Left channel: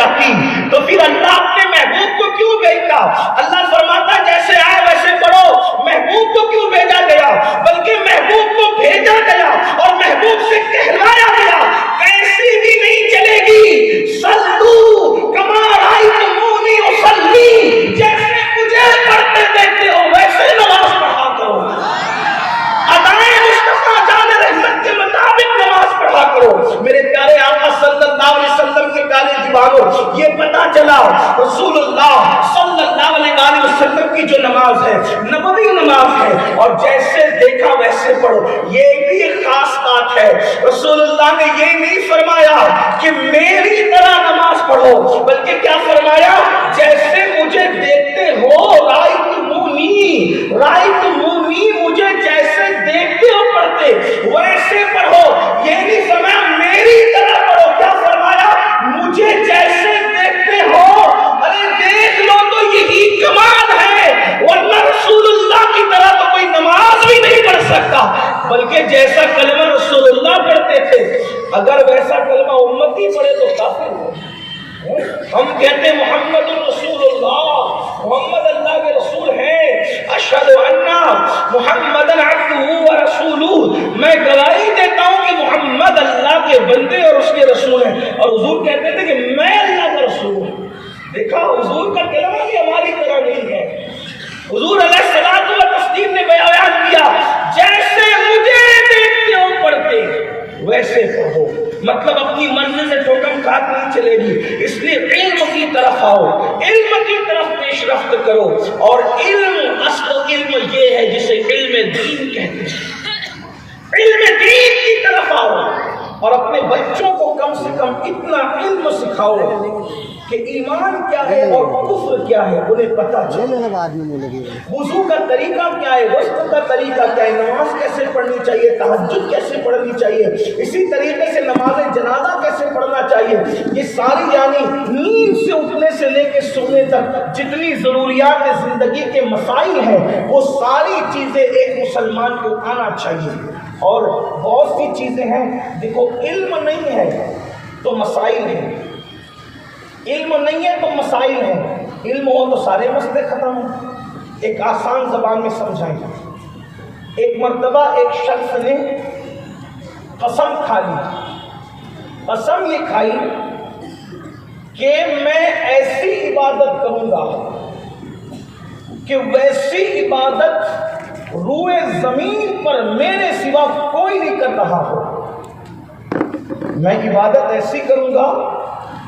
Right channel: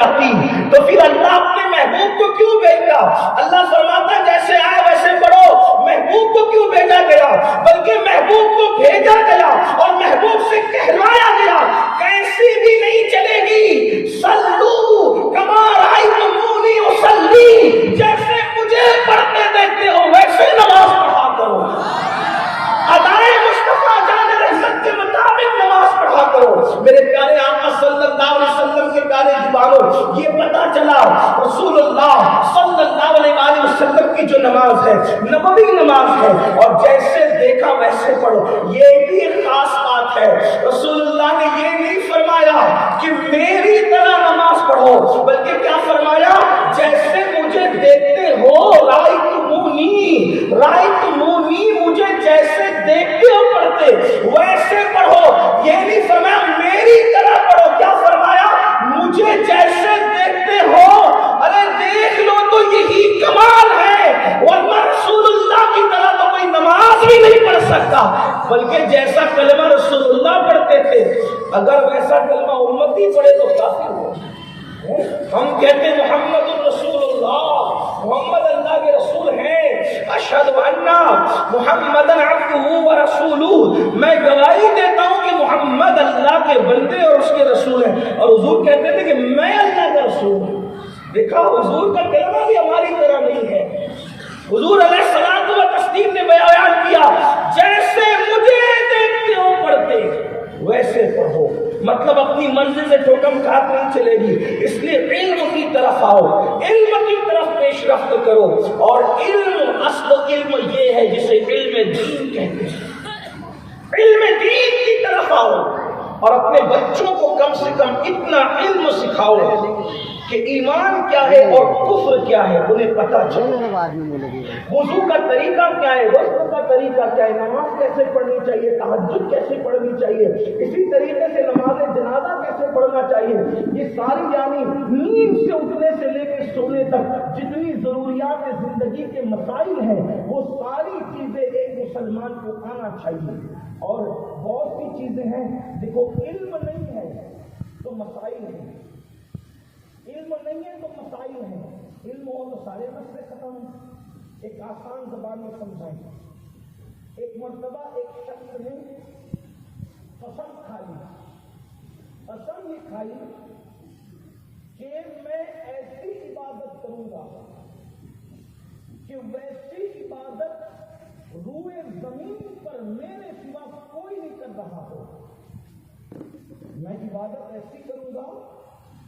جاتی تو پھر اللہ اپنے محبوب کو کیوں بھیجتا؟ اللہ فرماتا جیسے آئے ویسے پڑھو. محبوب کو کیوں بھیجا گیا؟ بلکہ محبوب کو بھیجا گیا اور محبوب سے کہلایا گیا کیسی بھی نہیں چلے گی. صلو کما رأیتمونی اصلی، جیسے مجھے پڑھتے دیکھتے ہو ویسے نماز پڑھا کرو. ادائے مصطفیٰ جان رحمت کے مطابق نماز پڑھا کرو. میرے پیارے آقا صلی اللہ علیہ وسلم کے پیارے دیوانوں، یہ پتا چلا رسول اللہ صلی اللہ علیہ وسلم کی جو نماز ہے نبوی نماز ہے، اور جیسے دیکھا ویسے پڑھو. یہ بھی ایک خاص بات ہے. رسول اللہ نے یہ نہیں فرمایا کہ میری طرح نماز پڑھو، بلکہ کیا فرمایا؟ جیسے مجھے دیکھتے ہو رائتمونی، مجھے جیسے دیکھتے ہو پڑھتے ویسے پڑھو. یہ نہیں فرمایا میری طرح پڑھو. کیا فرمایا؟ مجھے جیسے دیکھتے ہو. ارے دیکھ لو تو یہی کمال ہے، ورنہ رسول اللہ کی طرح تو کوئی نماز بھی نہیں پڑھ سکتا. بلکہ جیسا کلمہ رسول اللہ پڑھتے تھے اگر ویسا کلمہ امتی پڑھے تو کافر ہو. ہم کہتے ہیں محمد رسول اللہ، محمد اللہ کے رسول ہیں. اشہد ان محمد عبدہ ورسولہ، میں گواہی دیتا ہوں کہ محمد اللہ کے بندے اور اس کے رسول ہیں. اور حضور کہتے تھے کہ میں اللہ کا رسول ہوں. دیکھا حضور کا کلمہ بھی ہماری طرح نہیں ہے. حضور علیہ الصلوۃ والتسلیم نے بیان کیا جیسے مجھے دیکھتے ہو پڑھتے ویسے پڑھو. مطلب اپنی منزل سے ٹھوکم کھات نہیں چلے گی. اس لیے علم کی طرف آؤ، علم کی طرف پیش رفت کرو. اور علم، اصل علم یہ ہے جسے علم دین کہتے ہیں. علم دین کی طرف آؤ اور اپنے بچوں کو کم سے کم اتنا علم سکھاؤ کہ ایمان کیا ہے اور کفر کیا ہے انہیں پتہ چلے. وضو کا طریقہ کیا ہے، غسل کا طریقہ کیا ہے، نماز کیسے پڑھنی چاہیے، تہجد کیسے پڑھنی چاہیے، اسی طریقے سے نماز جنازہ کیسے پڑھنا چاہیے. یہ ساری یعنی نیند سے اٹھنے سے لے کے سونے تک جتنی ضروریات زندگی کے مسائل ہیں وہ ساری چیزیں ایک مسلمان کو آنا چاہیے. اور بہت سی چیزیں ہیں، دیکھو علم نہیں ہے تو مسائل ہیں، علم نہیں ہے تو مسائل ہیں. علم ہو تو سارے مسئلے ختم ہیں. ایک آسان زبان میں سمجھائیں. ایک مرتبہ ایک شخص نے قسم کھا لی. قسم یہ کھائی کہ میں ایسی عبادت کروں گا کہ ویسی عبادت روئے زمین پر میرے سوا کوئی نہیں کر رہا ہو. میں عبادت ایسی کروں گا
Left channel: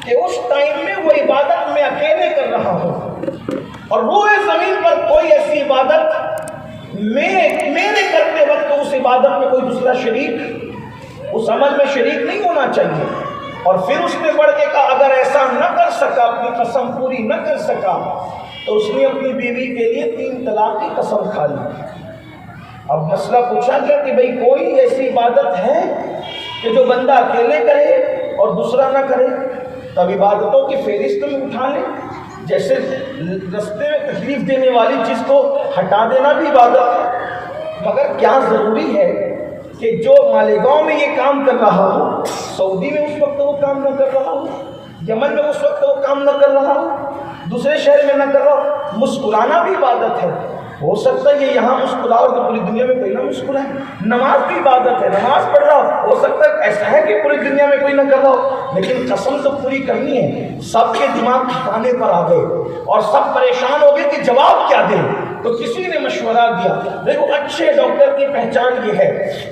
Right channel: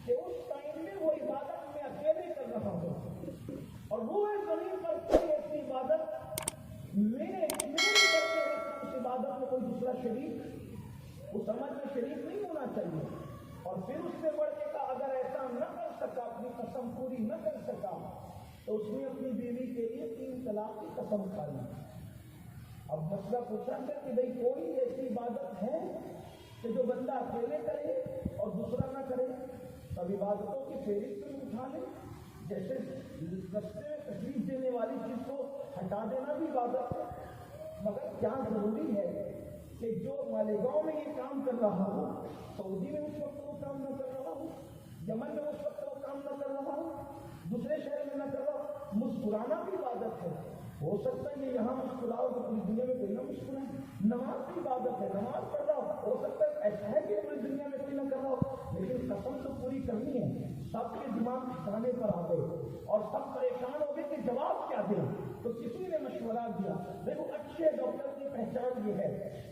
کہ اس ٹائم میں وہ عبادت میں اکیلے کر رہا ہوں اور روئے زمین پر کوئی ایسی عبادت میرے کرتے وقت اس عبادت میں کوئی دوسرا شریک اس عمل میں شریک نہیں ہونا چاہیے. اور پھر اس نے بڑھ کے کہا اگر ایسا نہ کر سکا، اپنی قسم پوری نہ کر سکا تو اس نے اپنی بیوی کے لیے 3 طلاق کی قسم کھا لی. اب مسئلہ پوچھا گیا کہ بھئی کوئی ایسی عبادت ہے کہ جو بندہ اکیلے کرے اور دوسرا نہ کرے؟ تب عبادتوں کی فہرست میں اٹھا لیں. جیسے رستے میں تکلیف دینے والی چیز کو ہٹا دینا بھی عبادت ہے. مگر کیا ضروری ہے کہ جو مالیگاؤں میں یہ کام کر رہا ہو سعودی میں اس وقت وہ کام نہ کر رہا ہو، یمن میں اس وقت وہ کام نہ کر رہا ہو، دوسرے شہر میں نہ کر رہا ہو؟ مسکرانا بھی عبادت ہے. ہو سکتا ہے یہ یہاں مسکراؤ تو پوری دنیا میں کوئی نہ مسکرائے. نماز بھی عبادت ہے، نماز پڑھ رہا ہو سکتا ہے ایسا ہے کہ پوری دنیا میں کوئی نہ کر رہا ہو، لیکن قسم تو پوری کرنی ہے. سب کے دماغ ٹھکانے پر آ گئے اور سب پریشان ہو گئے کہ جواب کیا دیں. تو کسی نے مشورہ دیا. دیکھو اچھے ڈاکٹر کی پہچان یہ ہے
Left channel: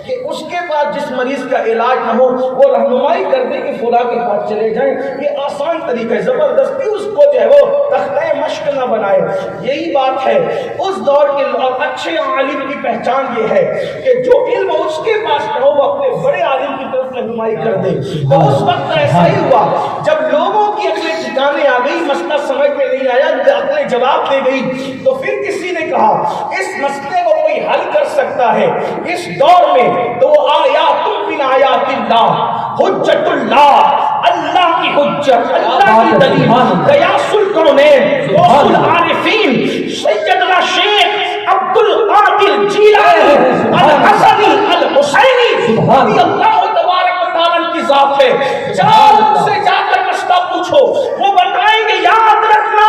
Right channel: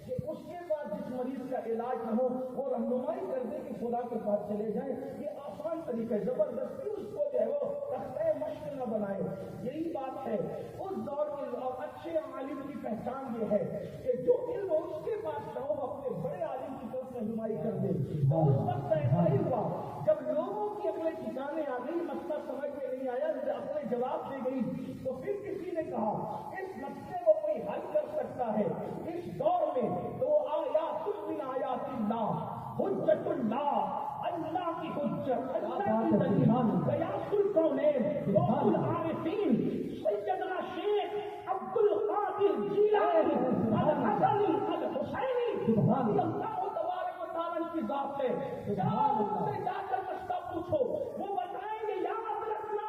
کہ اس کے بعد جس مریض کا علاج نہ ہو وہ رہنمائی کر دے کہ فلاں کے پاس چلے جائیں. یہ آسان طریقہ ہے، زبردستی اس کو جو ہے وہ تختہ مشق نہ بنائے. یہی بات ہے اس دور کے اچھے عالم کی پہچان یہ ہے کہ جو علم اس کے پاس نہ ہو وہ اپنے بڑے عالم کی طرف رہنمائی کر دے. تو اس وقت ایسا ہی ہوا جب لوگوں کی عقلیں ٹھکانے آ گئی، مسئلہ سمجھ میں نہیں آیا، عقلیں جواب دے گئی، تو پھر کسی نے کہا اس مسئلے کو کوئی حل کر سکتا ہے اس دور میں تو وہ آیات من آیات اللہ، حجت اللہ، اللہ کی حجت، اللہ کی دلیل، غیاث الکونین، غوث العارفین، سیدنا شیخ عبد القادر جیلانی الحسنی الحسینی رضی اللہ تبارک و تعالیٰ کی ذات ہے. جا سے جا کر راستہ پوچھو وہ بتائیں گے یاد رکھنا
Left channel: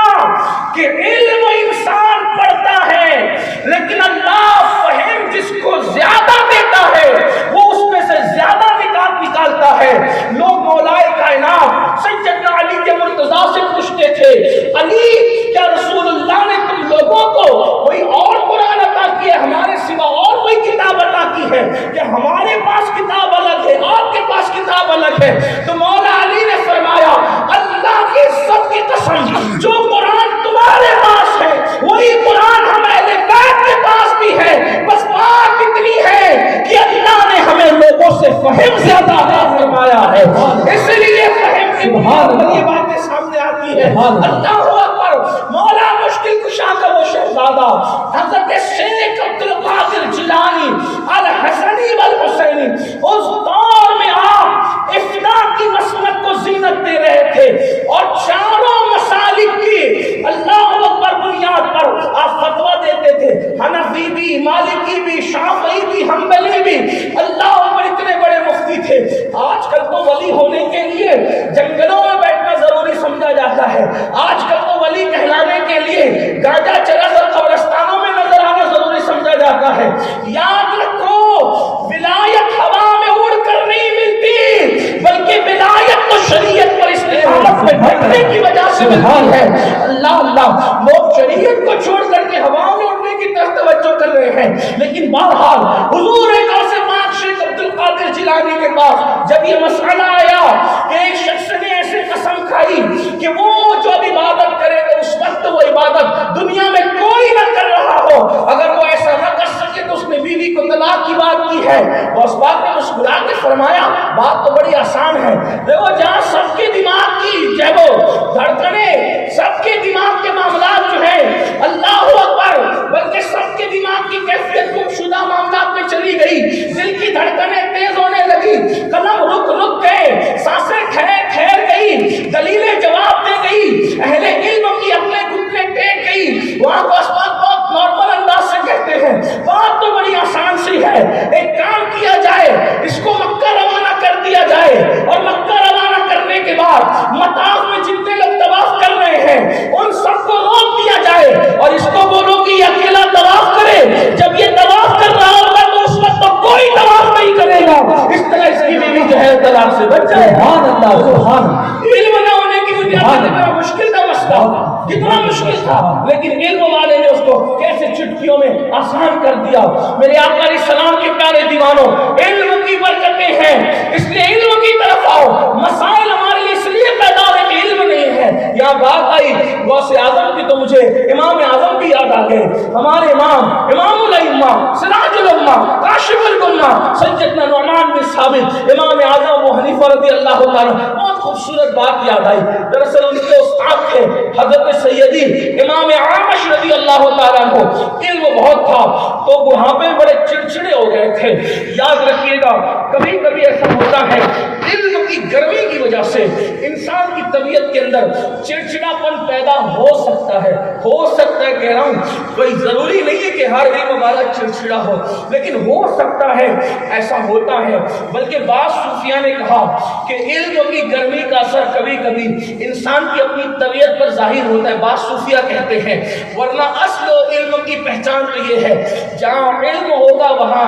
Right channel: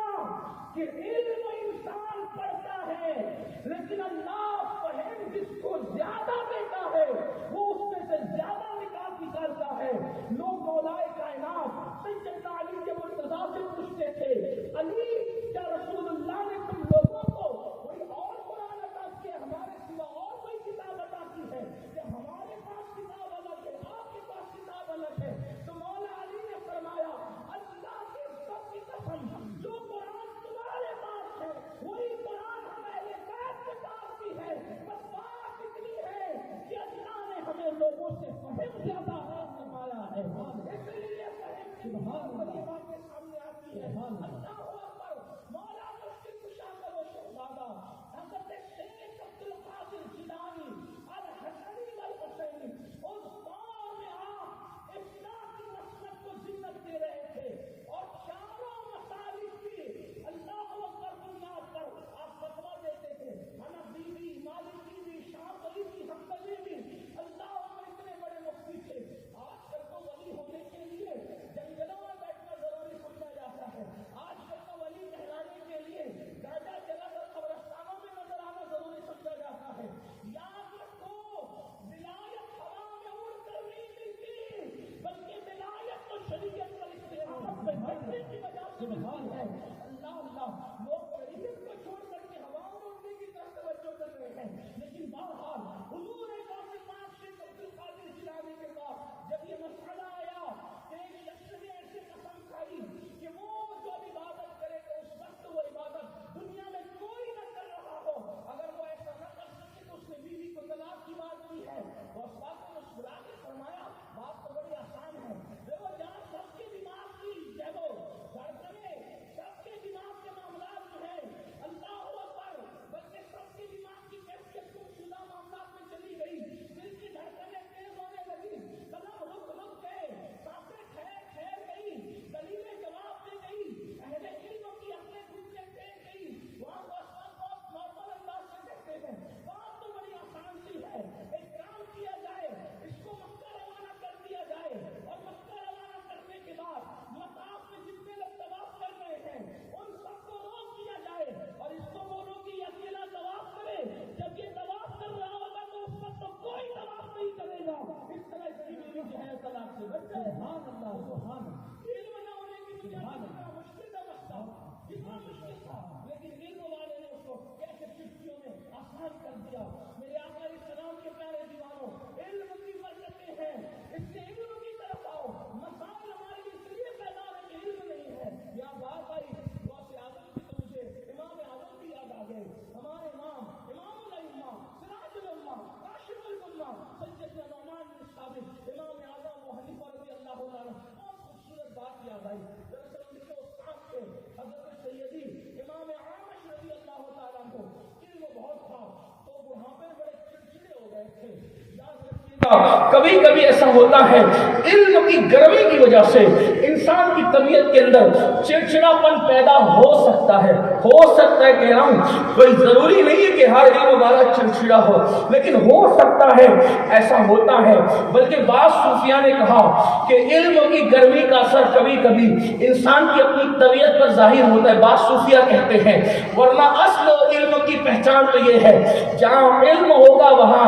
کہ علم انسان پڑھتا ہے لیکن اللہ فہم جس کو زیادہ دیتا ہے وہ اس میں سے زیادہ نکات نکالتا ہے. لوگ مولائے کائنات سیدنا علی کے مرتضیٰ سے پوچھتے تھے علی کیا رسول اللہ نے تم لوگوں کو کوئی اور قرآن عطا کیا ہمارے سوا اور کوئی کتاب عطا کی ہے کہ ہمارے پاس کتاب الگ ہے آپ کے پاس کتاب الگ ہے؟ تو مولا علی نے فرمایا اللہ کی عزت کی قسم جو قرآن تمہارے پاس ہے وہی قرآن ہم اہل بیت کے پاس بھی ہے بس بات اتنی ہے کہ اللہ نے ہمیں لوگوں سے فہم زیادہ عطا فرمایا ہے اس لیے فہم کی یہ باتیں سامنے آتی ہے. اللہ اکبر. مولا مشکل کشا کا وہ شہزادہ حضرت شیخ عبد القادر جیلانی الحسنی والحسینی اس دور میں آپ افنا کی مسلک کو زینت دے رہے تھے اور چاروں مسالک کی اللہ اکبر بنیاد پر آپ فتویٰ دیتے تھے. حنفی بھی مالکی بھی شافعی بھی حنبلی بھی اللہ اکبر اتنے بڑے مفتی تھے. آج کل تو ولی ہونے کے لیے جنگلوں میں بیٹھنا ضروری سمجھا جاتا ہے. آج کل تو ولی کہلانے کے لیے گاجا چرس اور قبرستانوں میں نظر آنا ضروری سمجھا جاتا ہے. یاد رکھو ولایت ہوا میں اڑ کر نہیں ملتی بلکہ ولایت تو شریعت پر استقامت میں ڈٹنے کی وجہ سے ملتی ہے. اللہ اللہ لوگ شریعت کو چھوڑ کر کے ہواؤں میں اڑنے کی طرف توجہ کر رہے ہیں لیکن بہرحال حضور غوث پاک شیخ عبد القادر جیلانی کے پاس جب یہ مسئلہ آیا کہ ایک شخص نے ایسے قسم کھائی کہ وہ جو اب عبادت کرے گا اس وقت وہ عبادت دنیا میں کوئی نہ کر رہا ہو اگر وہ ایسا نہ کر سکے تو اس نے بیوی کو طلاق کی بات کی ہے. اس بات نے مسکرا کے فرمایا بات تو بڑی آسان ہے. دیکھو جہاں سب کے دماغ کی جو ہے وہ دھڑکنیں سب کے دماغ کے معاملات جو ہیں اللہ اکبر بلکہ سب کے دماغ کی کیفیت گم شدہ معاملات میں چلی گئی. دل کی دھڑکنیں تیز ہونے لگی قلم رک گئے سانسیں ٹھہر گئی دلیلیں جواب دے گئی اہل علم کی اپنے گھٹنے ٹیک گئی. وہاں کو اسباب بہت نارمل انداز سے کہتے ہیں بات تو بڑی آسان سی ہے. ایک کام کیا جائے اس کو مکہ روانہ کر دیا جائے اور مکہ روانہ کرنے کے بعد مطاف میں جتنے لوگ طواف کر رہے ہیں ان سب کو روک دیا جائے اور اس کو بولو کہ یہ اکیلا طواف کرے. جب یہ طواف کر رہا ہوگا تو اس وقت تو کوئی طواف نہیں کرے گا. اس طرح اس کی بیوی جو ہے طلاق سے بچ جائے. سبحان اللہ سبحان. علم نہ ہونے کی بنیاد پر بڑا مشکل کا مسئلہ کتنا مشکل تھا لیکن علم والے نے اس کو کیسے چٹکیوں میں آسان کر دیا. میرے آقا علیہ السلام کے پیارے دیوانوں علم کی برکتیں ہیں اس لیے علم کی طرف آؤ. مسائل ہمارے لیے اس لیے پیدا ہوئے کہ علم نہیں ہے. یہاں بات آئی غوث اعظم کی تو مجھے امام اعظم بھی یاد آ گئے. ہمارے امام الائمہ سراج الامہ کاشف الغمہ سیدنا نعمان بن ثابت امام اعظم ابو حنیفہ رضی اللہ تعالیٰ بہت خوبصورت بات یاد آئی. دراصل ان کے استاد تھے حضرت سیدی امام عامش رضی اللہ تعالیٰ عنہ. علم بہت تھا تو بڑھاپے بڑے چڑچڑے ہو گئے تھے. یاد رکھیے گا کبھی کبھی ایسا ہوتا ہے علم کی گرمی کی وجہ سے انسان کی طبیعت کے اندر چڑچڑاپن پیدا ہو سکتا ہے کہہ رہا ہوں کوئی ضروری نہیں ہے کہ ہر علم والا چڑچڑا ہو لیکن ہو سکتا ہے ایسا ہوتا ہے. بلکہ بعض صوفیاء نے کہا کہ علم کی گرمی کا اثر کبھی کبھی انسان کی اپنی طبیعت پر ظاہر ہوتا ہے. بعض صوفیاء کہتے ہیں ورنہ اصل علم کی پہچان تو یہ ہے جہاں علم ہوگا وہاں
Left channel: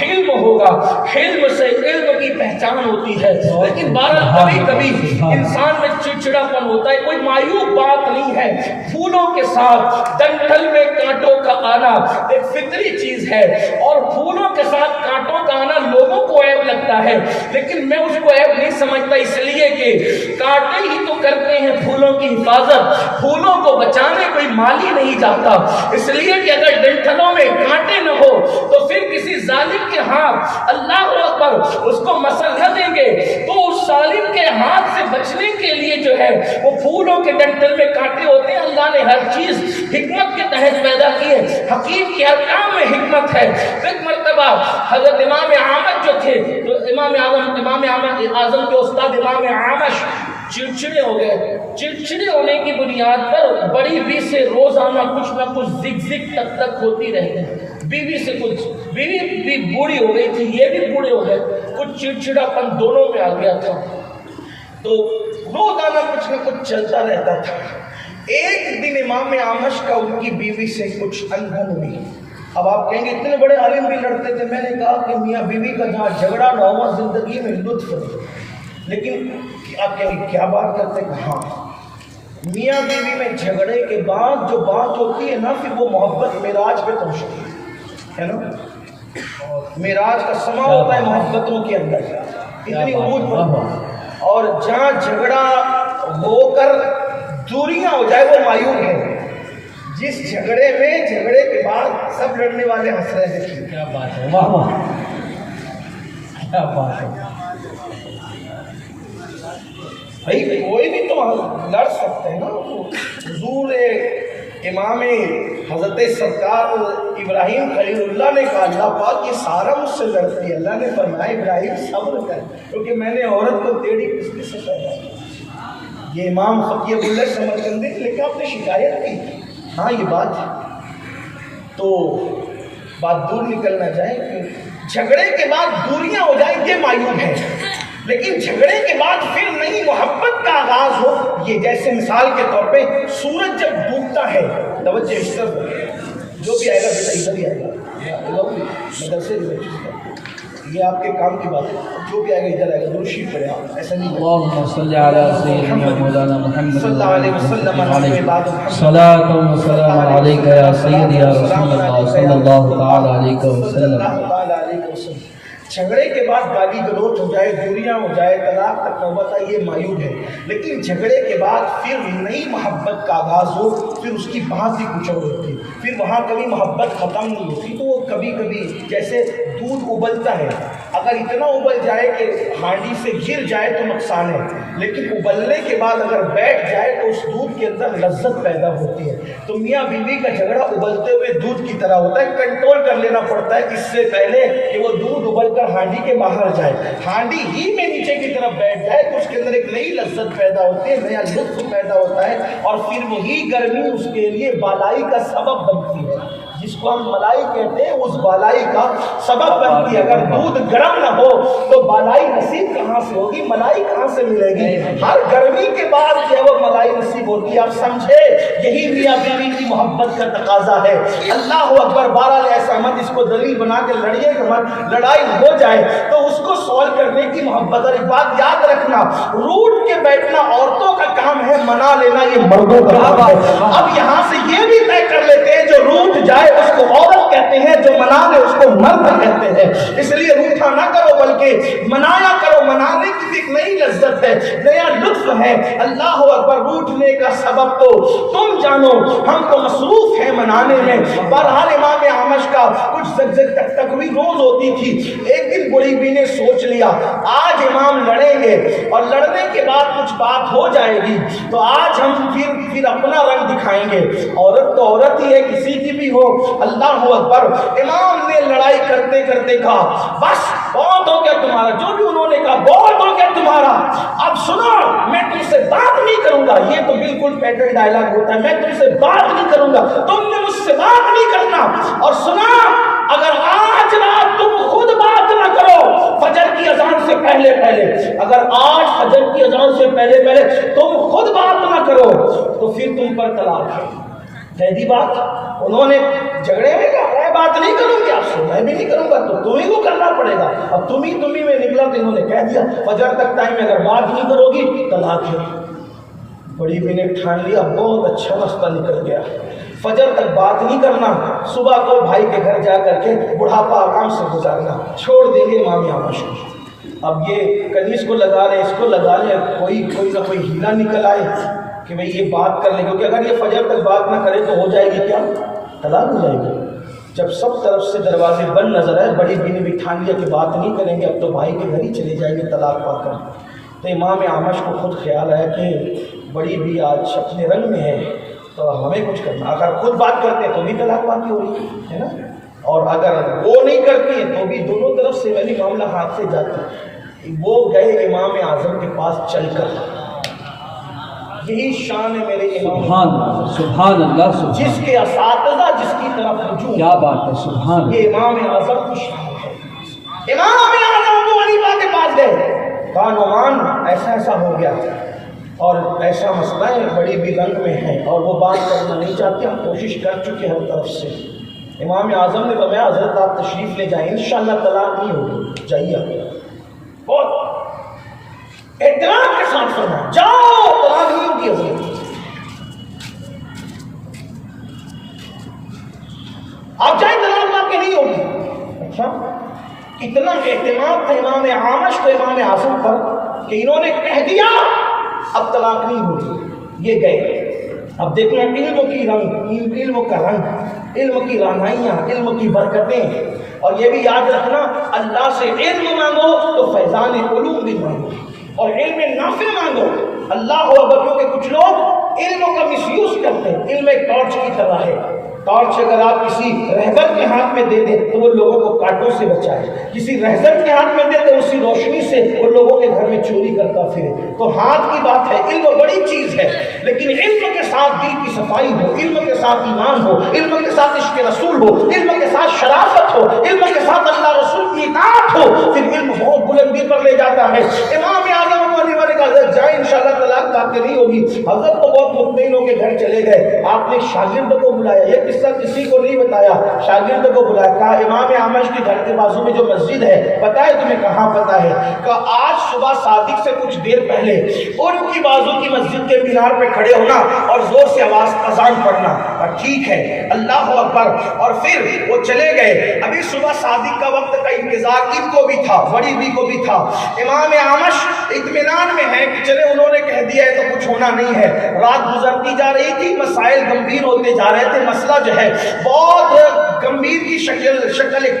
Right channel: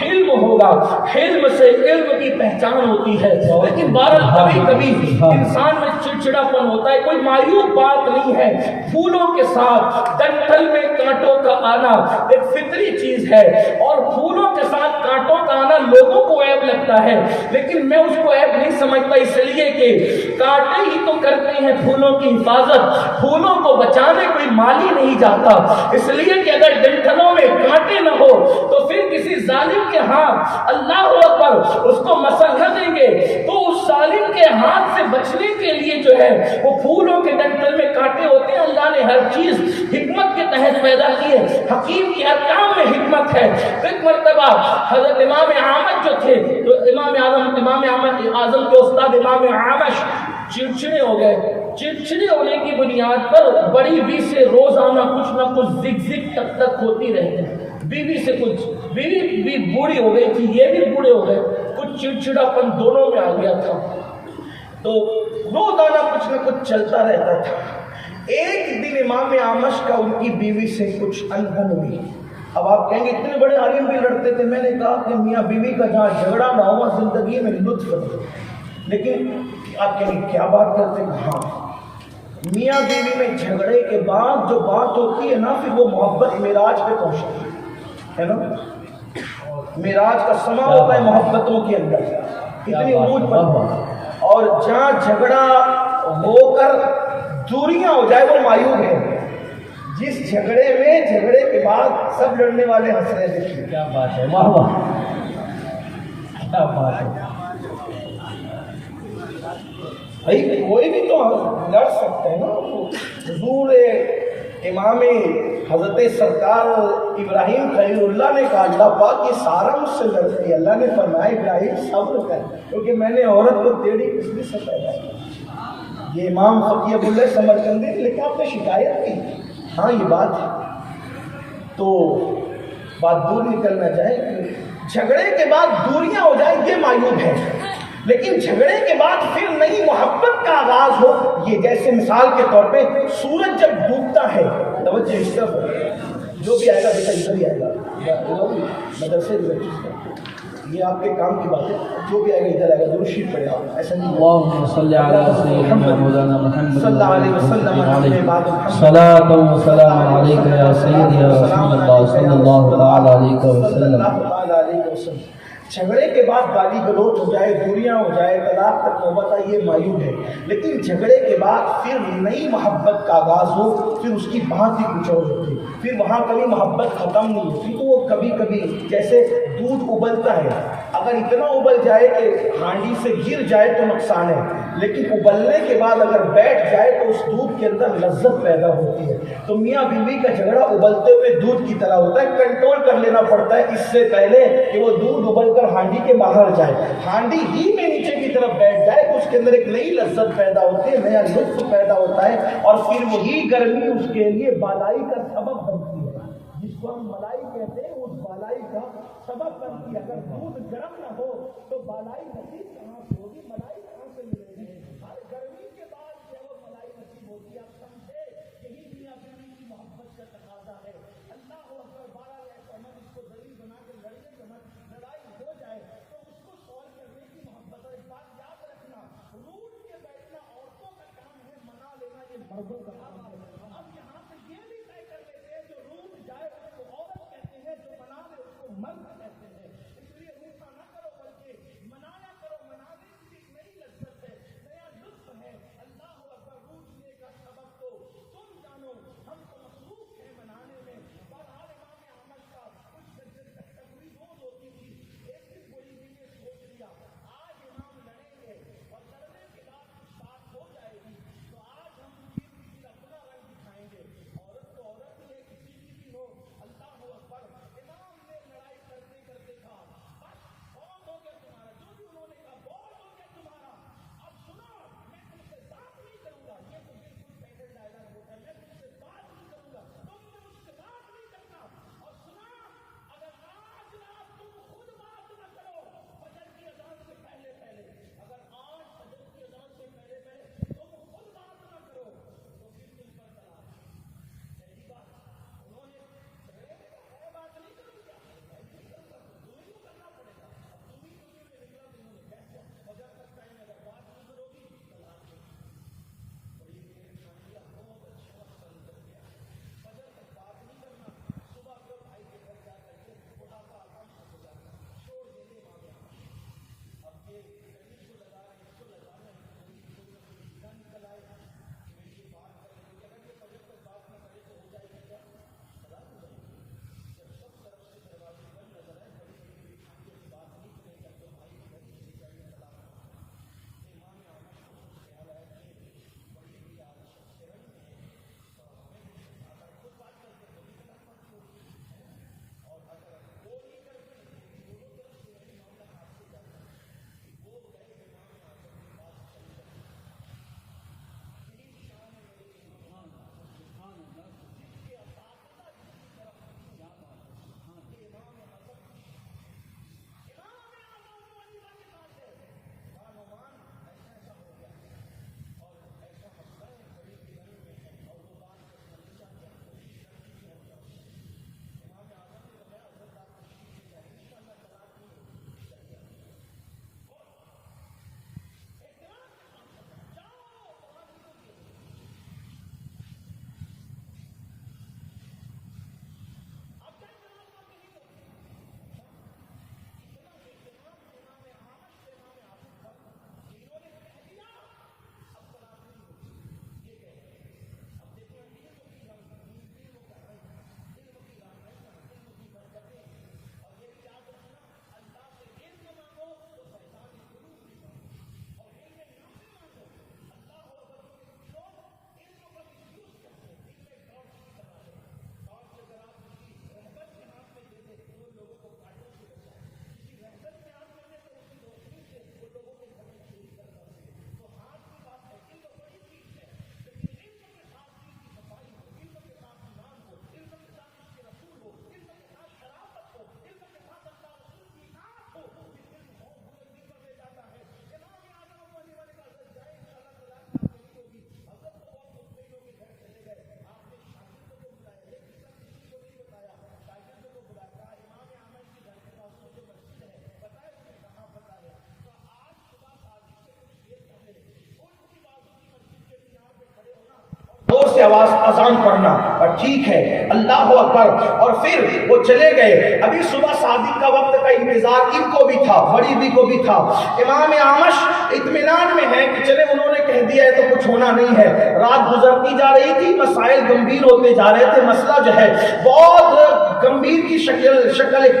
حلم ہوگا. حلم سے علم کی پہچان ہوتی ہے. لیکن بہرحال کبھی کبھی انسان میں چڑچڑاپن ہوتا ہے. کوئی معیوب بات نہیں ہے. پھولوں کے ساتھ ڈنٹل میں کانٹوں کا آنا ایک فطری چیز ہے اور پھولوں کے ساتھ کانٹوں کا آنا لوگوں کو عیب لگتا ہے لیکن میں اس کو عیب نہیں سمجھتا اس لیے کہ کانٹے ہی تو کرتے ہیں پھولوں کی حفاظت. پھولوں کو بچانے کوئی مالی نہیں جاتا اس لیے کہ اگر ڈنٹلوں میں کانٹے نہ ہو تو پھر کسی ظالم کے ہاتھ اللہ اکبر اس کو مسل نہ دیں گے تو اس ظالم کے ہاتھ سے بچنے کے لیے جو ہے وہ پھولوں کے ڈنٹل میں کانٹے ہوتے ہیں. اللہ نے ہر چیز حکمت کے تحت پیدا کی ہے. حکیم کے ہر کام میں حکمت ہے. ایک مرتبہ حضرت امام احمد جو تھے تو امام اعظم کے استاد امام عامش چڑچڑے ہو گئے. چڑچڑے ہونے کی بنیاد پر بڑی بی سے روزانہ کچھ نہ کچھ زگ تک ہوتی رہتے ہیں. بیوی سے کچھ بیوی بھی بوڑھی ہو گئی تھی یہ بھی بوڑھے ہو گئے. کچھ چڑچڑاپن دونوں میں آ گیا تھا. تو روزانہ کچھ نہ کچھ چلتا رہتا تھا. ایک دن امام اعمش کا ان کی بیوی سے کچھ انبن ہوئی. اب آپ کہیں گے اتنے بڑے عالم بھی لڑتے تھے. میں نے کہا کہ میاں بیوی کا جہاں جھگڑا نہ ہوا زندگی میں لطف نہیں. لیکن آپ کہیں گے کیا بات کرتے ہیں؟ ہاں، میاں بیوی میں جھگڑے کے بعد جو بات ہوتی ہے نا، پھر وہ محبت معراج پہ پہنچتی ہے نا. معراج کا سما ہوتا ہے محبتوں کے اندر، اتنی عروج پر. اور جہاں جھگڑا ہو کر دوریاں ہو جائے وہ مایوب ہے. جس جھگڑے میں جھگڑے کے بعد سب لڑنے والے ہنس رہے تھے. کیا بات ہے، واہ واہ، کیا بات ہے. بھائی کوئی بھی تو لڑ سکتے ہیں نا. حضور امام حضرت سرکار ابراہیم خلیل اللہ نے کہا اللہ پاک یہ سارا مجھ سے لڑتی ہے. اللہ نے فرمایا ابراہیم صبر کر، کیونکہ میں نے عورت کو ٹیڑھی کسلی سے پیدا کیا. یہ امام فقیہ اللہ سمرقندی نے لکھا، آپ نے شکایت کی. ہاں یہ بات ہے. تو بات دور نکل نہ جائے کہ جھگڑے کے بعد دوریاں ہو جائیں یہ معیوب ہے. لیکن جھگڑے کے بعد پھر نئی محبت کا آغاز ہو، یہ جیسے مثال کے طور پہ سورج جب ڈوبتا ہے، توجہ اس طرف جو بھی آئے گا بیٹا ادھر ہی آئے گا، مدرسے یہ آپ کے کام کی بات ہے. جو بھی آئے گا ادھر آئے گا، درود شریف پڑھے آپ. ایسا نہیں اللہم صلی علی سیدنا مولانا محمد صلی اللہ علیہ وسلم صلاۃ و سلام علیک یا سیدی یا رسول اللہ صلی اللہ تعالی علیہ وسلم. جھگڑے کے بعد گالی گلوچ ہو جائے، دوریاں ہو جائے، طلاق تک نوبت آئے، یہ معیوب ہے. لیکن جھگڑے کے بعد پھر نئی محبت کا آغاز ہو، پھر اس کی بات ہی کچھ اور ہوتی. پھر وہاں کبھی محبت ختم نہیں ہوتی. تو وہ کبھی کبھی جیسے دودھ ابلتا ہے، اگر اتنا ابل جائے کہ ہانڈی سے گر جائے تو نقصان ہے، لیکن ابلنے کے بعد اگر بیٹھ جائے تو اس دودھ کے اندر لذت پیدا ہوتی ہے. تو میاں بیوی کا جھگڑا ابلتے ہوئے دودھ کی طرح ہوتا ہے. کنٹرول کر لینا پڑتا ہے اس سے پہلے کہ وہ دودھ ابل کر ہانڈی کے باہر جائے. ہانڈی ہی میں نیچے کی طرف بیٹھ جائے تو اس کے اندر ایک نئی لذت پیدا ہوتی ہے، نیا لطف پیدا ہوتا ہے، اور پھر وہی گرمی اس کے لیے بالائی کا سبب بنتی ہے. جس کو ہم ملائی کہتے ہیں اس بالائی کا سبب بنتی ہے. اگر دودھ گرم نہ ہو تو بالائی نصیب کہاں سے ہوگی، ملائی کہاں سے ملے گی؟ ہر گرمی کے بعد جو ہے وہ ملائی نصیب ہوتی ہے. آپ سمجھے یہی میاں بیوی کی محبت کا تقاضا ہے. اللہ اکبر. بہرحال ایسا مت اس کو دلیل بنا کے لڑیے مت. لڑائی ہو جائے تو اس کو سولو کرنے کی محبت. اور ایک بات یاد رکھنا، روٹ کے بیٹھنا عورتوں کا کام ہے، منا لینا یہ مردوں کا کام ہے. اب یہاں سے یہ بھی طے کر لیتے ہیں جو روٹ جائے اس کو عورت کہتے ہیں، جو منا لے اس کو مرد کہتے ہیں. اس لیے روٹھا نہ کرو بلکہ منایا کرو. منانے کی بھی ایک نئی لذت ہے، نیا لطف ہے. اللہ اکبر. روٹنے کا سبب تو تم جانو، ہم تو مصروف ہیں منانے میں. بہرحال امام اعمش کا کچھ تکوی روز ہوتی تھی. ایک دن بڑی بی نے سوچ لیا آج امام لڑیں گے اور لڑنے کے بعد کچھ بات ہو جائے گی تو آج ہم پھر اپنا رنگ دکھائیں گے. عورت تو عورت ہی ہے، کسی کی بھی ہو. اللہ اکبر. امام نے لڑائی کرتے کرتے کہا بس بہت ہو گیا تمہارا. جو بھی انہوں نے کہا بہت ہو گیا تمہارا. اب سنو میں تم سے بات نہیں کروں گا. یہ تو بالکل پیٹرن ڈائلاگ ہوتا ہے، میں تم سے بات نہیں کروں گا، تم نے مجھ سے بات نہیں کرنا. اور سنا اگر آج رات تم خود بات نہ کرو فجر کی اذان سے پہلے اگر آج فجر کی اذان سے پہلے تم خود بات نہ کرو تو پھر تم پر طلاق ہے. قیدی بات. انہوں نے جھگڑے میں کہا میں بات نہیں کروں گی آپ سے، میں بھی نہیں کروں گا، تو تمہیں کو کرنا پڑے گا. اب تمہیں میں نکلا تو انہوں نے کہہ دیا فجر تک ٹائم میں اگر بات نہیں کرو گی طلاق ہے. بڑی بھی نے ٹھان لیا، بہت اچھا مسئلہ نکل گیا. فجر تک بات نہیں کرنا، صبح کو بھائی کے گھر جا کر کے بڑھاپا آرام سے گزارنا. چھوڑ دیں گے امام اعمش کو. اب یہ کہیں اس کو لگا لیں، اس کو لگا لیں، کوئی نہ کوئی ہیلا نکل آئے کہ بھئی یہ بات کر لیں. کیونکہ اگر یہ فجر تک بات نہ کرے تو ہو جائے گی کیا؟ طلاق ہو جائے گی. جب سب طرف سے دروازے بند نظر آئے بڑی بی نے بھی ٹھان لیا کہ بات نہیں کریں گے، اب تو بھائی کے گھر ہی چلے جائیں گے طلاق پا کر. تو امام اعمش کو خود خیال آیا کہ بڑی بھی آج اپنے رنگ میں ہے تو ہمیں کچھ کرنا. اگر خود بات کرتے تو بھی طلاق باقی ہو رہی ہے نا، اور اگر وہ نہیں کرتی ہے تو بھی دونوں طرف سے وہی معاملہ ہاتھ سے جاتا ہے. وہ گئے امام اعظم کے پاس چل کر. یہی شان ہے میرے امام. سبحان اللہ. جس کے اساتذہ جس کی طرف رجوع. کیا بات ہے، سبحان. یہ امام اعظم کی شان ہے. امام اعظم ابو حنیفہ کے پاس گئے، نعمان ایسا ایسا ہو گیا اور ایسا مسئلہ ہے، بڑی بھی رنگ میں ہے اور وہ بات کرنا نہیں چاہتے، ہم کوشش کر چکے ہر طرف سے۔ امام اعظم نے فرمایا حضرت آپ تشریف لے جائیں، انشاءاللہ طلاق نہیں ہوگی، جائیے آپ، بہت احترام کے ساتھ فرمایا جاؤ، طلاق نہیں ہوگی حضرت، آپ جائیں، طلاق آپ کے نہیں ہوگی۔ اچھا، اتنا اعتماد تھا امام اعمش کو امام اعظم پر کہ انہوں نے کہہ دیا اب طلاق نہیں ہوگی، یہ گئے۔ اب دیکھیں علم کی رنگ، علم کا رنگ، علم کی رانائیاں، علم کی برکتیں، اور یہ بھی یاد رکھنا اللہ سے علم مانگو تو فیضان علوم بھی مانگو، اور علم نافع مانگو۔ اللہ اکبر، کیونکہ کچھ لوگ علم کا مس یوز کرتے ہیں۔ علم ایک ٹارچ کی طرح ہے، ٹارچ اگر آپ کسی رہبر کے ہاتھ میں دے دیں تو وہ لوگوں کو کانٹوں سے بچائے، کسی رہزن کے ہاتھ میں دے دیں اسی روشنی سے وہ لوگوں کے گھر میں چوری کرتا پھرے۔ تو ہاتھ کی بات ہے، علم بڑی چیز ہے، لیکن علم کے ساتھ دل کی صفائی ہو، علم کے ساتھ ایمان ہو، علم کے ساتھ عشق رسول ہو، علم کے ساتھ شرافت ہو، علم کے ساتھ اللہ رسول کی اطاعت ہو، پھر علم بہت بلندی پر لے جاتا ہے۔ امام اعظم کو علی کا حضرت جائیں، انشاءاللہ طلاق آپ کے نہیں ہوگی۔ حضرت تو بہت مطمئن ہو کے گھر چلے گئے، آپ نے شاگرد کو بلایا، یہ قصہ کسی کو نہیں بتایا، شاگرد کو بلایا، کہا امام اعمش کے گھر کے بازو میں جو مسجد ہے پتہ ہے تمہیں کہاں پتہ ہے؟ کہا آج صبح صادق سے کچھ دیر پہلے ان کی بازو کی مسجد کے مینار پہ کھڑے ہونا اور زور سے آواز اذان پڑھنا، اور ٹھیک ہے اللہ اکبر، اور پھر وہ چلے گئے۔ ابھی صبح صادق کا وقت کا انتظار ان کو بھی تھا، بڑی بھی کو بھی تھا۔ امام اعمش اطمینان میں ہے کہ چلے انہوں نے کہہ دیا ہے تو کچھ ہونا نہیں ہے۔ رات گزرتی جا رہی تھی، مسائل گمبھیر ہوتے جا رہے تھے، مسئلہ جو ہے بہت گمبھیر کی شکل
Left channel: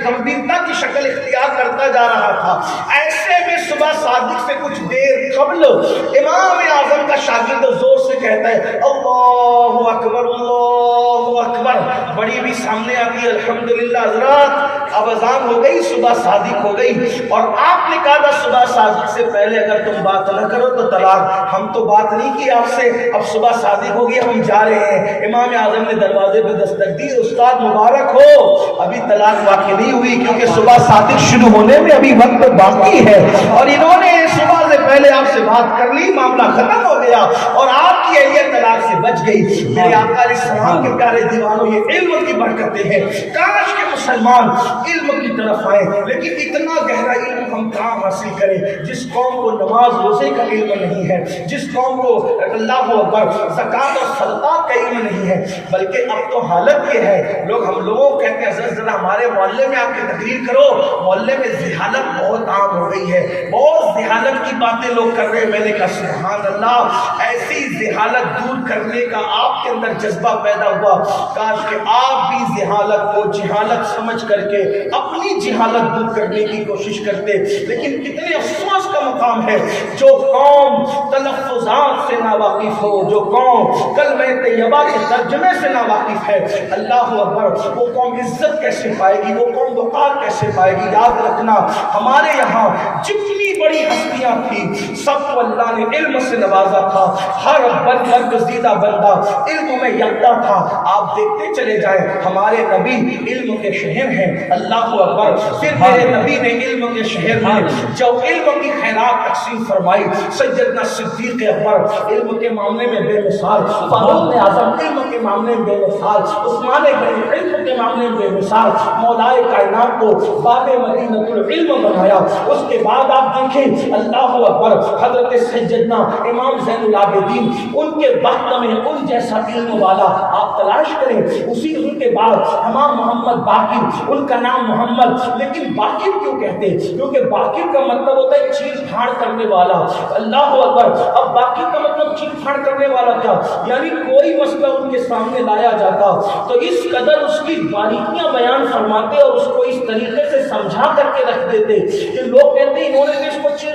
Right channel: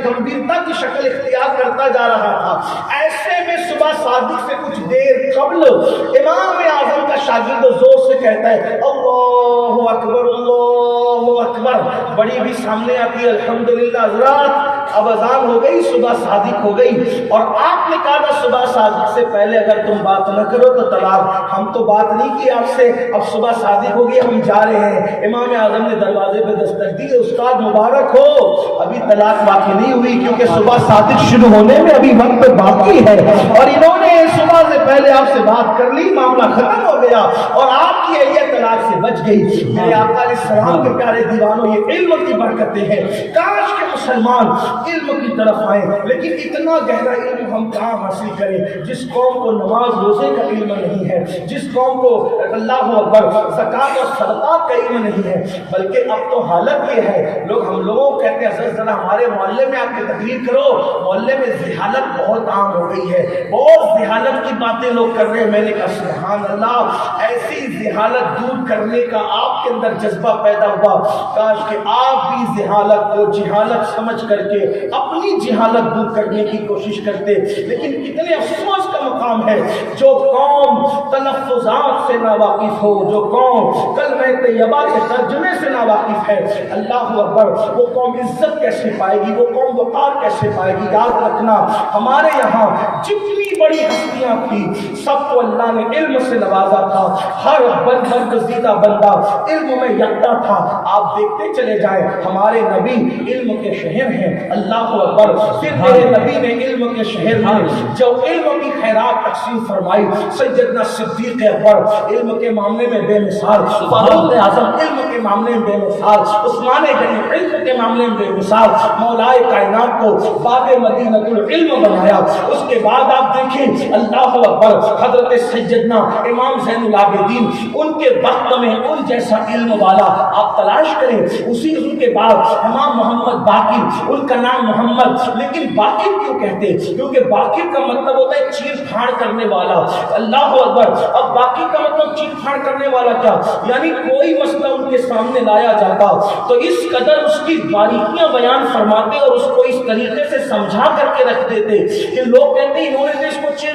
گمبھیرتا کی شکل اختیار کرتا جا رہا تھا۔ ایسے میں صبح صادق سے کچھ دیر قبل امام اعظم کا شاگرد زور سے کہتا ہے اللہ اکبر اللہ اکبر، بڑی بھی سامنے آتی ہے، الحمدللہ حضرات اب اذان ہو گئی، صبح صادق ہو گئی، اور آپ نے کہا تھا صبح صادق سے پہلے اگر تم بات نہ کرو تو طلاق، ہم تو بات نہیں کی آپ سے، اب صبح صادق ہو گئی، ہم جا رہے ہیں۔ امام اعظم نے دروازے پہ دستک دی، استاد مبارک ہو، ابھی طلاق واقع نہیں ہوئی کیونکہ صبح صادق شروع ہونے میں ابھی وقت باقی ہے، اور انہوں نے صبح سے پہلے آپ سے بات کر لی، معاملہ ختم ہو گیا اور آپ کی اہلیہ طلاق سے بچ گئی۔ میرے آقا علیہ السلام کے پیارے دیوانوں، یہ علم کی برکتیں ہیں، کاش کے مسلمان علم کی طرف آئیں، لیکن اتنا گہرا علم ہم کہاں حاصل کریں؟ جس قوم کو نماز روزے کا علم نہیں ہے، جس قوم کو اللہ اکبر زکوٰۃ اور صدقات کا علم نہیں ہے، بلکہ اب تو حالت یہ ہے، ہم لوگ کہتے ہیں حضرت ذرا ہمارے محلے میں آپ کی تقریر کرو، محلے میں ذہانت بہت عام ہو گئی ہے، بہت ذہانت کی باتیں لوگ کر رہے ہیں۔ میں نے کہا سبحان اللہ، ایسی ذہانت دور کرنے کا آپ کے اندر جذبہ پیدا ہوا، کاش کہ آپ بھی ذہانت کو جہالت سمجھ کر کے اپنی جہالت دور کرنے کی کوشش کرتے۔ لیکن کتنے افسوس کا مقام ہے جو قوم تلفظات سے ناواقف ہو، جو قوم کلمہ طیبہ کے ترجمے سے ناواقف ہے، اللہ اکبر، وہ قوم عزت کیسے پائے گی، وہ قوم وقار کیسے پائے گی؟ یاد رکھنا ہمارے یہاں جتنی بڑی ہستیاں تھی سب کو اللہ نے علم سے نوازا تھا، ہر برگزیدہ بندہ علم میں یکتا تھا۔ آپ دیکھتے چلے جائیں، ہمارے نبی علم کے شہر ہیں، اللہ اکبر، پھر میرے نبی نے علم کے شہر میں جو علم کی خیرات تقسیم فرمائی، سیدنا صدیق اکبر علم کے معاملے میں بے مثال، فاروق اعظم علم کے معاملے میں بے مثال، عثمان غنی علم کے معاملے میں بے مثال، مولائے کائنات کو باب مدینہ العلم بنایا۔ اس کے بعد آپ دیکھیں اللہ اکبر، حضرت سیدنا امام زین العابدین، ان کے وقت میں ان جیسا علم والا آپ تلاش کریں۔ اسی ان کے بعد امام محمد باقر، ان کا نام محمد، لیکن باقر کیوں کہتے ہیں؟ کیونکہ باقر کا مطلب ہوتا ہے چیر پھاڑ کرنے والا، اللہ اکبر۔ اب باقر کا مطلب چیر پھاڑ کرنے والا کیا؟ یعنی کوئی مسئلہ ان کے سامنے لایا جاتا تو اس قدر اس کی باریکیاں بیان فرماتے اور اس کو اس طریقے سے سمجھا کر کے رکھ دیتے کہ لوگ کہتے ہیں انہوں نے اس کو چیر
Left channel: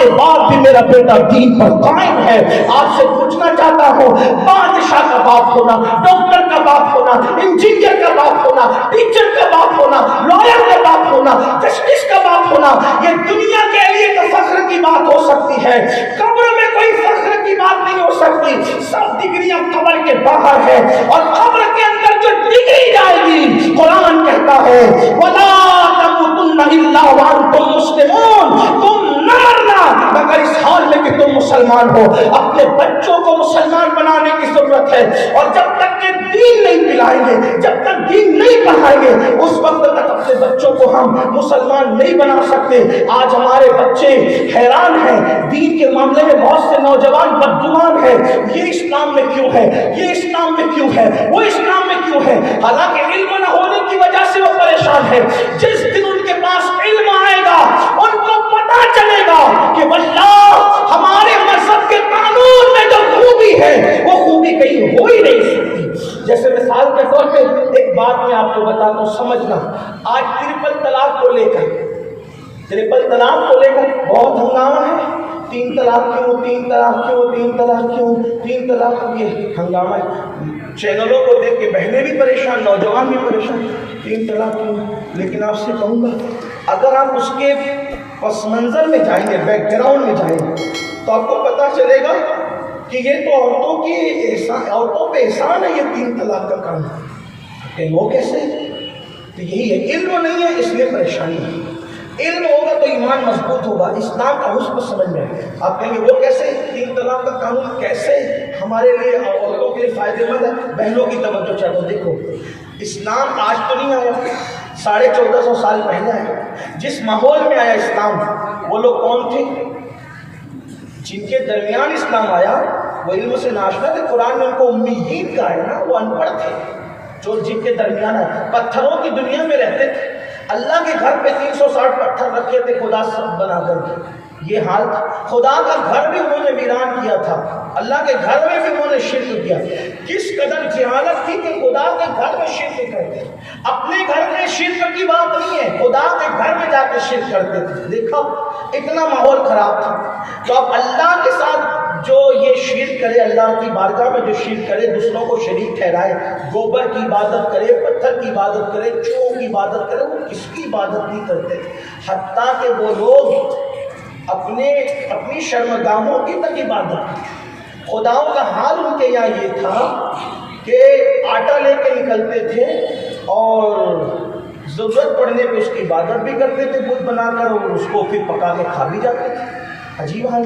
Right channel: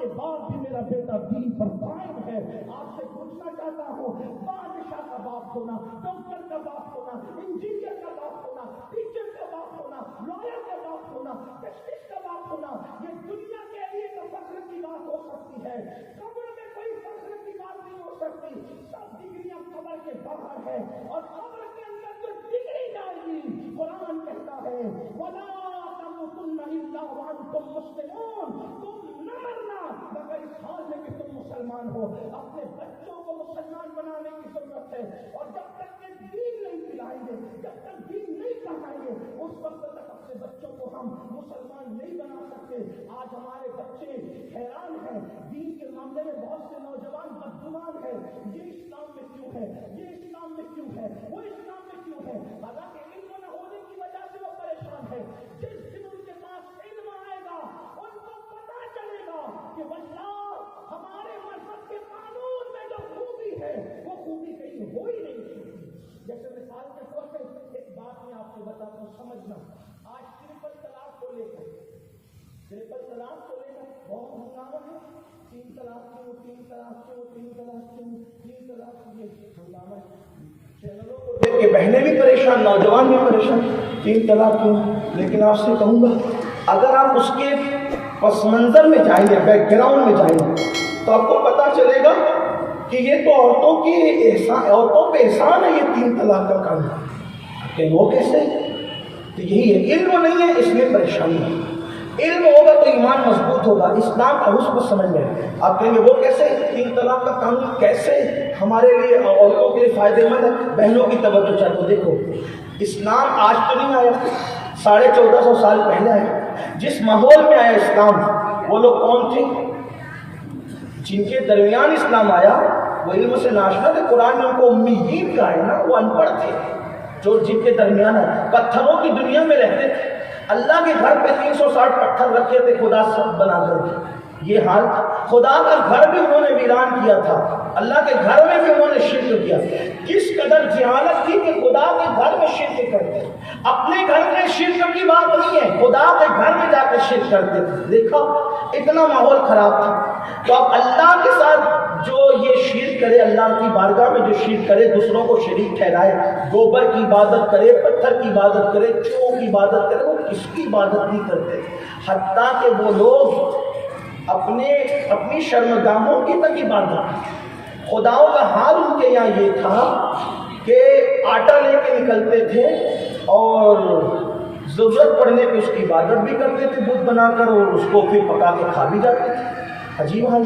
کے بعد بھی میرا بیٹا دین پر قائم ہے۔ آپ سے پوچھنا چاہتا ہوں، بادشاہ کا باپ ہونا، ڈاکٹر کا باپ ہونا، انجینئر کا باپ ہونا، ٹیچر کا باپ ہونا، لائر کا باپ ہونا، جسٹس کا باپ ہونا، یہ دنیا کے لیے تو فخر کی بات ہو سکتی ہے، قبر میں کوئی فخر کی بات نہیں ہو سکتی۔ سب ڈگریاں قبر کے باہر ہے، اور قبر کے اندر جو ڈگری جائے گی، قرآن کہتا ہے وَلَا تَمُوتُنَّ إِلَّا وَأَنْتُمْ مُسْلِمُونَ، تم نہ مرنا مگر اس حال میں کہ تم مسلمان ہو۔ اپنے بچوں کو مسلمان بنانے کی ضرورت ہے، اور جب تک کہ دین نہیں پلائیں گے، جب تک دین نہیں پڑھائیں گے، اس وقت تک اپنے بچوں کو ہم مسلمان نہیں بنا سکتے۔ آج ہمارے بچے حیران ہیں، دین کے معاملے میں بہت سے نوجوان بدگمان ہیں، یہ اسلام میں کیوں ہے، یہ اسلام میں کیوں ہے، وہ اسلام میں کیوں ہے، حالانکہ علم نہ ہونے کی وجہ سے وہ پریشان ہے۔ جس دن ان کے پاس علم آئے گا، ان کو پتہ چلے گا کہ واللہ ہمارے مذہب کے قانون میں جو خوبی ہے وہ خوبی کہیں ہو ہی نہیں سکتی۔ جیسے مثال کے طور پہ ایک بات میں آپ کو بتاتا ہوں، سمجھنا۔ آج ٹرپل طلاق کو لے کر بہت ہنگامہ ہے۔ 3 طلاق کیوں، 3 طلاق کیوں، 3 طلاق کیوں، 3 طلاق، یہ ہنگامہ ہے۔ چینلوں کو دیکھ کے بہنیں بھی پریشان، نوجوان بھی پریشان، 3 طلاق کیوں۔ لیکن آپ سے کہوں گا، اگر آپ اس کے پس منظر میں جائیں گے، بیک گراؤنڈ میں جائیں گے، تو آپ کو پتہ چلے گا کہ یہ تو عورتوں پہ احسان ہے، یہ 3 طلاق کا کرنا۔ کہ وہ کیسے؟ تو یہی ہے، علم نہیں ہے اس لیے پریشانی ہے۔ علم ہوگا تو ایمان مضبوط ہوگا، اسلام کا حسن سمجھ میں۔ آپ کہیں گے وہ کیسے، 3 طلاق کا قانون کیسے ہمارے لیے، عورتوں کے لیے فائدہ مند ہے؟ بہنوں کی توجہ چاہتے، دیکھو اسلام آج تو نہیں آیا، 1450 سال پہلے آیا۔ جس ماحول میں آیا اسلام، وہ لوگ کون تھے جن کے درمیان اسلام آیا؟ وہ علم سے ناشنا تھے، قرآن میں ان کو امیین کہا ہے نا، وہ ان پڑھ تھے، جو جن کے درمیان آئے، پتھروں کی دنیا میں رہتے تھے۔ اللہ کے گھر پہ 360 پتھر رکھے تھے، خدا سب بنا کر یہ حال تھا۔ خدا کا گھر بھی انہوں نے ویران کیا تھا، اللہ کے گھر میں بھی انہوں نے شرک کیا۔ کس قدر جہالت تھی کہ خدا کے گھر میں شرک کرتے، اپنے گھر میں شرک کی بات نہیں ہے، خدا کے گھر میں جا کے شرک کرتے تھے۔ دیکھا اتنا ماحول خراب تھا۔ تو اب اللہ کے ساتھ جو یہ شرک کرے، اللہ کی بارگاہ میں جو شرک کرے، دوسروں کو شریک ٹھہرائے، گوبر کی عبادت کرے، پتھر کی عبادت کرے، چوہوں کی عبادت کرے، وہ کس کی عبادت نہیں کرتے، حتیٰ کہ وہ لوگ اپنی شرمگاہوں کی تک عبادت کرتے۔ خداؤں کا حال ان کے یہاں یہ تھا کہ آٹا لے کے نکلتے تھے اور ضرورت پڑنے پہ اس کی عبادت بھی کرتے تھے بت بنا کر، اور اس کو پھر پکا کے کھا بھی جاتے تھے۔ عجیب حال۔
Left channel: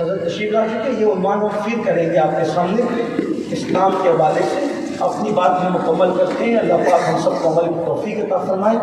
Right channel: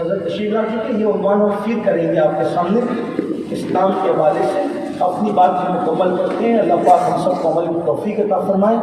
حضرت تشریف لا چکے، یہ عنوان ہم پھر کریں گے آپ کے سامنے اسلام کے حوالے سے۔ اپنی بات میں مکمل کرتے ہیں، اللہ پاک ہم سب کو عمل کی توفیق عطا فرمائے۔